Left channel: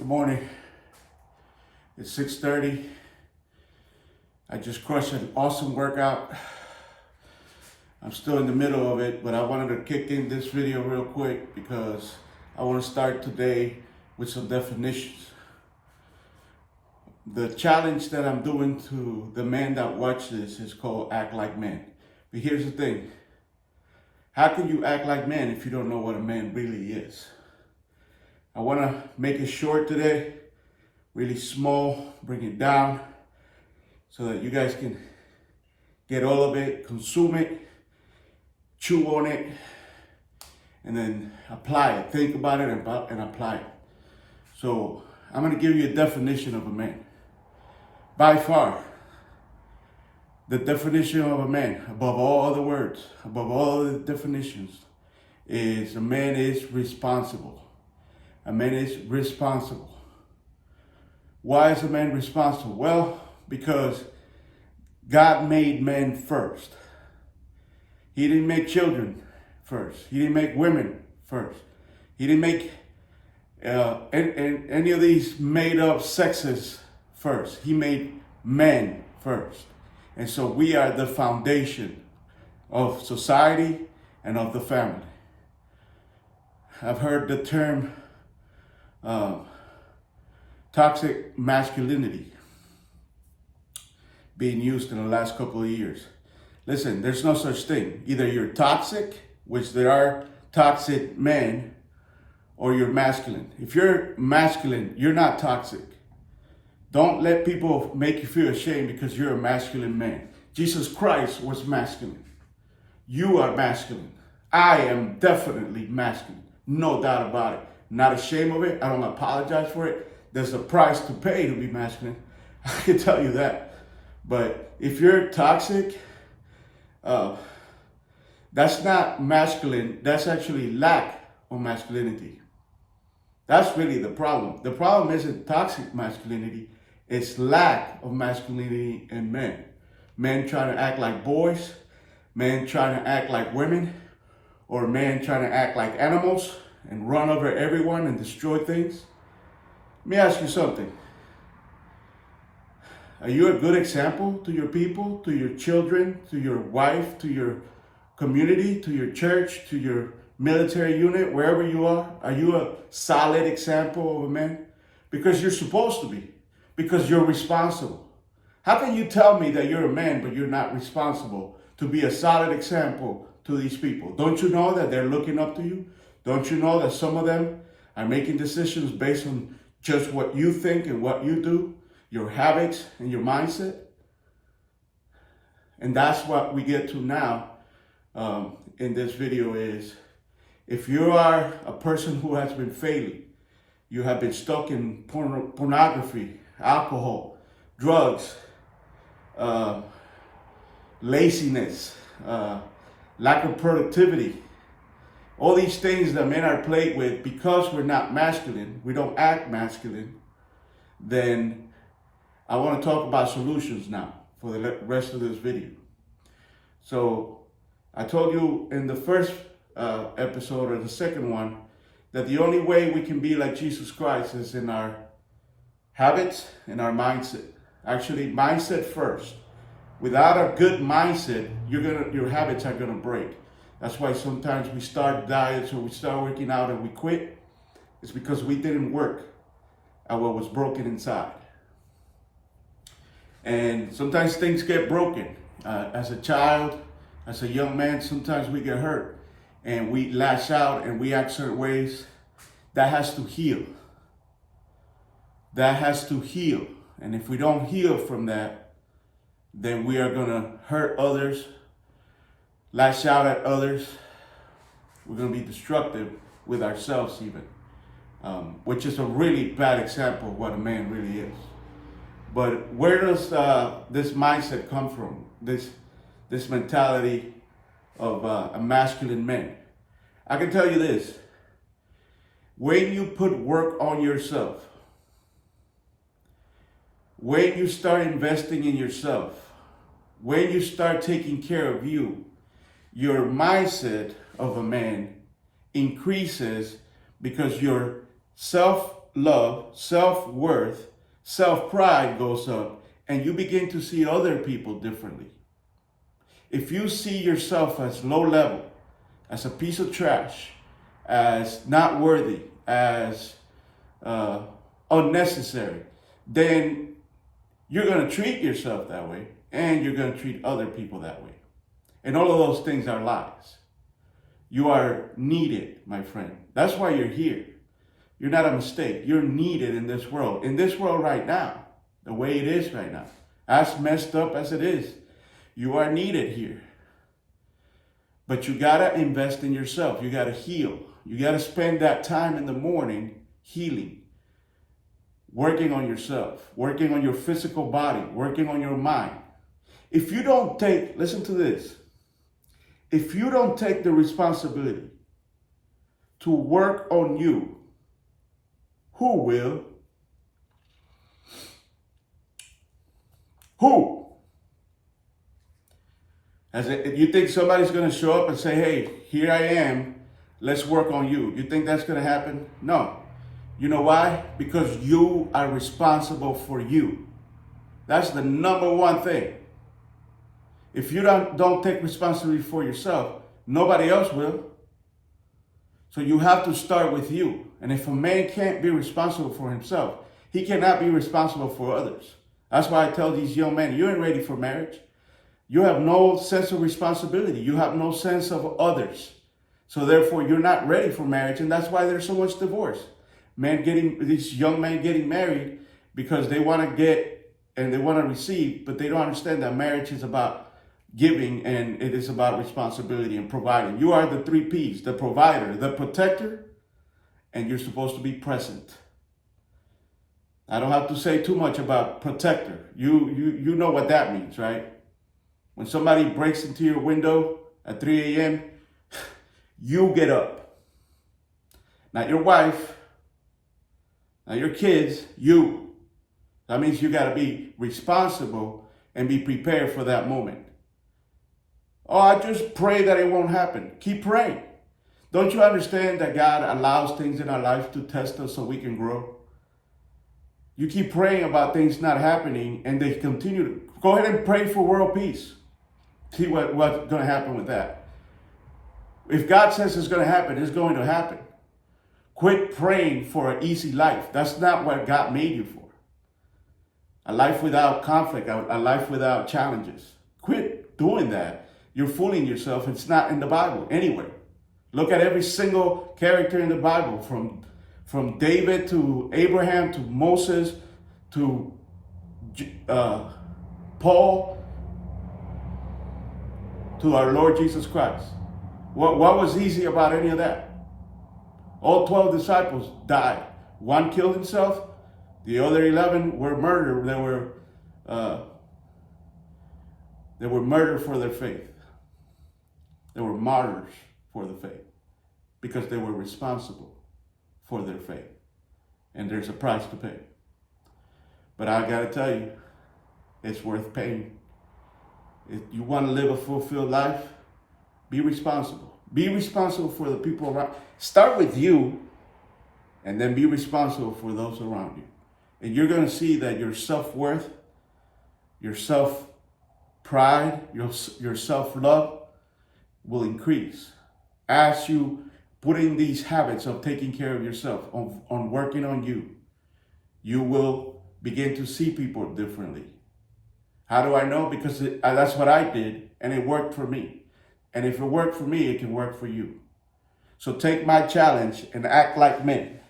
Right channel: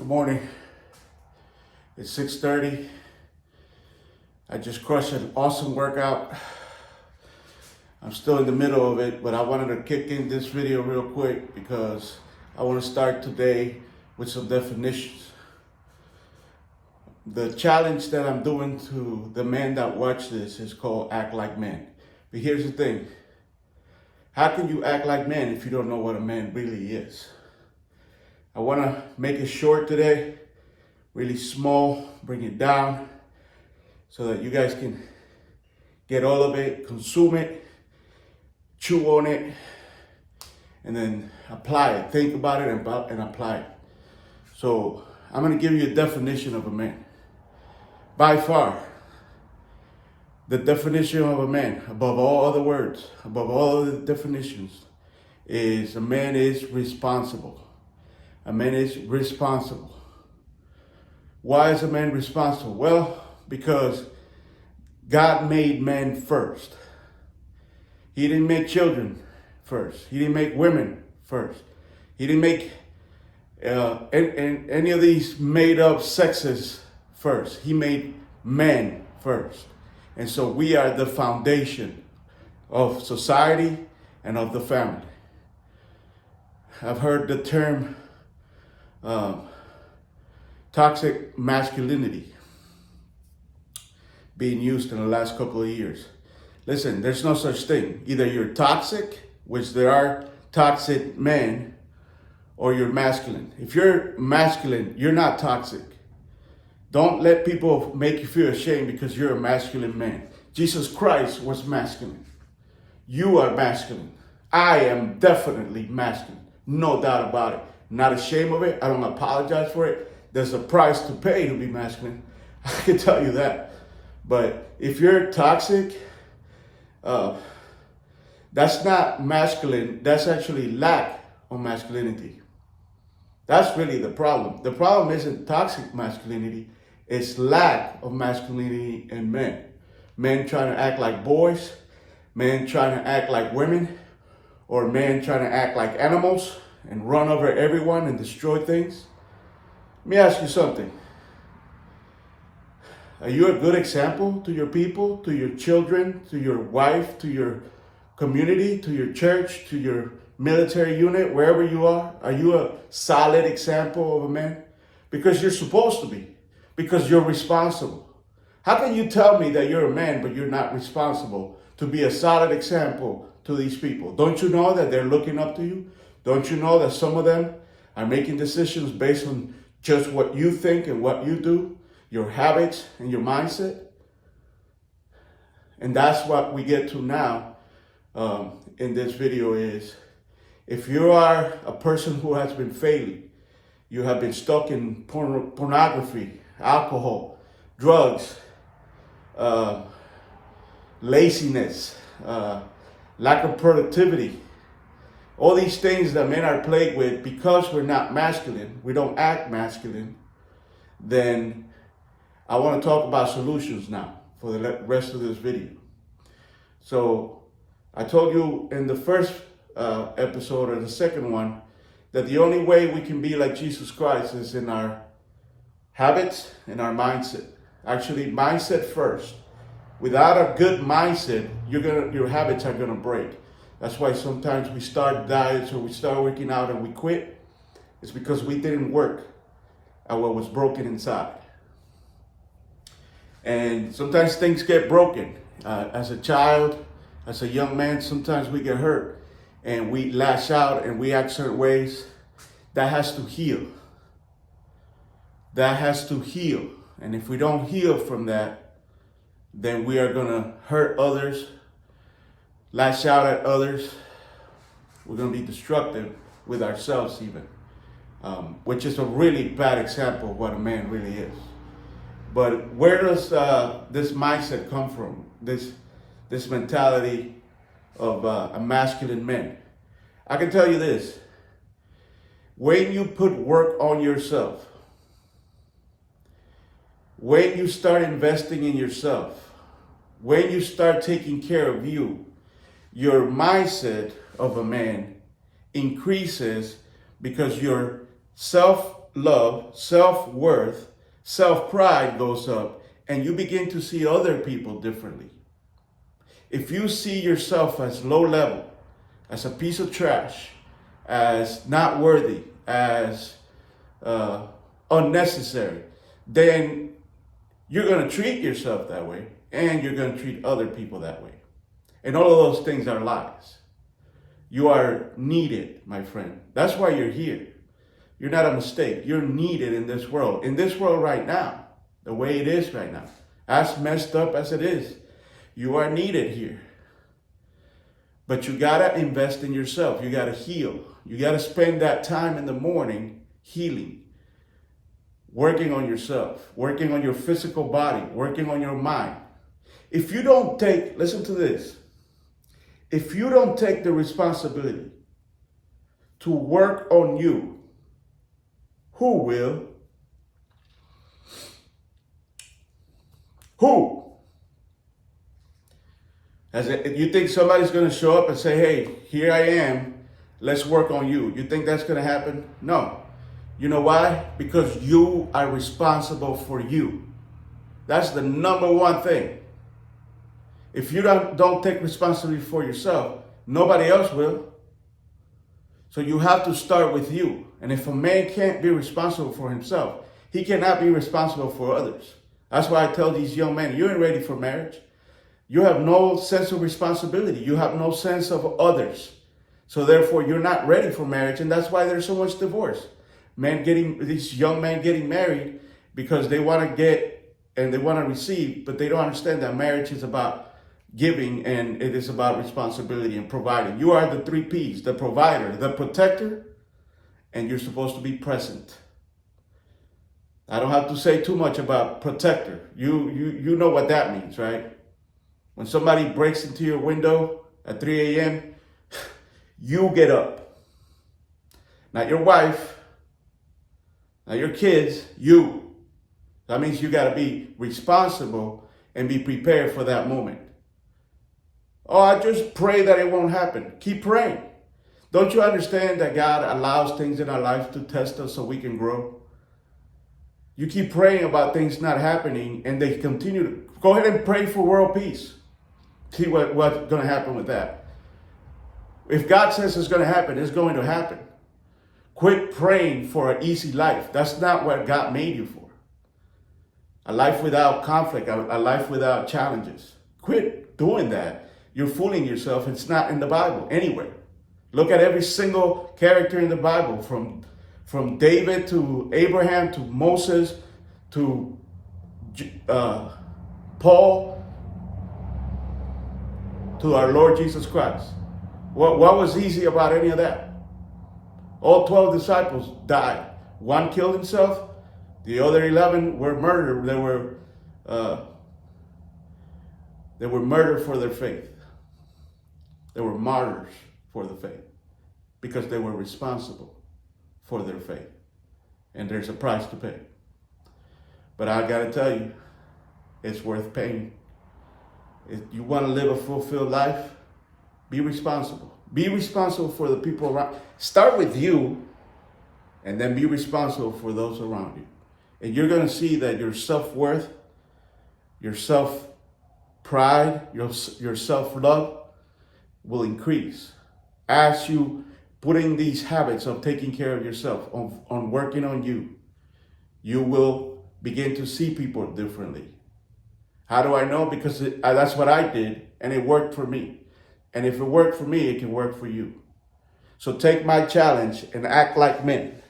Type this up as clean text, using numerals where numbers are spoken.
Good morning. It's 6:30. I just crushed an awesome workout. I'm still in the middle of it, but I wanted to kick in this video real quick because I want to start today with some definitions. The challenge that I'm doing to the men that watch this is called Act Like Men. But here's the thing. How can you act like men if you don't know what a man really is? I want to make it short today, really small, bring it down so that you guys can get all of it, consume it, chew on it, and then apply it. Think about it and apply it. So I'm going to give you a definition of a man. By far, the definition of a man, above all other words, above all other definitions, is a man is responsible. A man is responsible. Why is a man responsible? Well, because God made men first. He didn't make children first. He didn't make women first. He didn't make any of these made up sexes first. He made men first. And so we are the foundation of society and of the family. I've heard the term toxic masculinity being used in the last couple of years. Listen, there's no such thing. Either you're toxic, which there are toxic men, or you're masculine. If you're masculine, you're not toxic. Don't let people make you feel ashamed because you're a masculine man. Jesus Christ was masculine. You are masculine. I am definitely masculine. No doubt about it. Not ashamed of it. I don't apologize for it. There's a price to pay to be masculine. I can tell you that. But if you're toxic, that's not masculine. That's actually lack of masculinity. That's really the problem. The problem isn't toxic masculinity. It's lack of masculinity in men. Men trying to act like boys, men trying to act like women, or men trying to act like animals and run over everyone and destroy things. Let me ask you something. Are you a good example to your people, to your children, to your wife, to your community, to your church, to your military unit, wherever you are? Are you a solid example of a man? Because you're supposed to be. Because you're responsible. How can you tell me that you're a man, but you're not responsible to be a solid example to these people? Don't you know that they're looking up to you? Don't you know that some of them are making decisions based on just what you think and what you do, your habits and your mindset? And that's what we get to now in this video is, if you are a person who has been failing, you have been stuck in pornography, alcohol, drugs, laziness, lack of productivity, all these things that men are plagued with because we're not masculine, we don't act masculine, then I want to talk about solutions now for the rest of this video. So I told you in the first episode or the second one that the only way we can be like Jesus Christ is in our habits and our mindset. Actually, mindset first. Without a good mindset, your habits are gonna break. That's why sometimes we start diets or we start working out and we quit. It's because we didn't work at what was broken inside. And sometimes things get broken. As a child, as a young man, sometimes we get hurt and we lash out and we act certain ways. That has to heal. That has to heal. And if we don't heal from that, then we are gonna hurt others, lash out at others. We're gonna be destructive with ourselves even, which is a really bad example of what a man really is. But where does this mindset come from? This mentality of a masculine man? I can tell you this. When you put work on yourself, when you start investing in yourself, when you start taking care of you, your mindset of a man increases because your self self-love, self-worth, self-pride goes up, and you begin to see other people differently. If you see yourself as low level, as a piece of trash, as not worthy, as unnecessary, then you're going to treat yourself that way, and you're going to treat other people that way. And all of those things are lies. You are needed, my friend. That's why you're here. You're not a mistake. You're needed in this world. In this world right now, the way it is right now, as messed up as it is, you are needed here. But you got to invest in yourself. You got to heal. You got to spend that time in the morning healing, working on yourself, working on your physical body, working on your mind. If you don't take, listen to this, if you don't take the responsibility to work on you, who will? Who? You think somebody's going to show up and say, hey, here I am, let's work on you. You think that's going to happen? No. You know why? Because you are responsible for you. That's the number one thing. If you don't take responsibility for yourself, nobody else will. So you have to start with you. And if a man can't be responsible for himself, he cannot be responsible for others. That's why I tell these young men, you ain't ready for marriage. You have no sense of responsibility. You have no sense of others. So therefore, you're not ready for marriage. And that's why there's so much divorce. These young men getting married because they want to get and they want to receive, but they don't understand that marriage is about giving and it is about responsibility and providing. You are the 3 P's, the provider, the protector, and you're supposed to be present. I don't have to say too much about protector. You know what that means, right? When somebody breaks into your window at 3 a.m., you get up. Not your wife, not your kids, you. That means you got to be responsible and be prepared for that moment. Oh, I just pray that it won't happen. Keep praying. Don't you understand that God allows things in our lives to test us so we can grow? You keep praying about things not happening and they continue to. Go ahead and pray for world peace. See what's going to happen with that. If God says it's going to happen, it's going to happen. Quit praying for an easy life. That's not what God made you for. A life without conflict, a life without challenges. Quit doing that. You're fooling yourself. It's not in the Bible anywhere. Look at every single character in the Bible, from David to Abraham to Moses to Paul to our Lord Jesus Christ. What was easy about any of that? All 12 disciples died. One killed himself. The other 11 were murdered. They were murdered for their faith. They were martyrs for the faith because they were responsible for their faith. And there's a price to pay. But I got to tell you, it's worth paying. If you want to live a fulfilled life, be responsible. Be responsible for the people around. Start with you and then be responsible for those around you. And you're going to see that your self-worth, your self-pride, your self-love will increase as you put in these habits of taking care of yourself, on working on you. You will begin to see people differently. How do I know? Because that's what I did, and it worked for me. And if it worked for me, it can work for you. So take my challenge and act like men.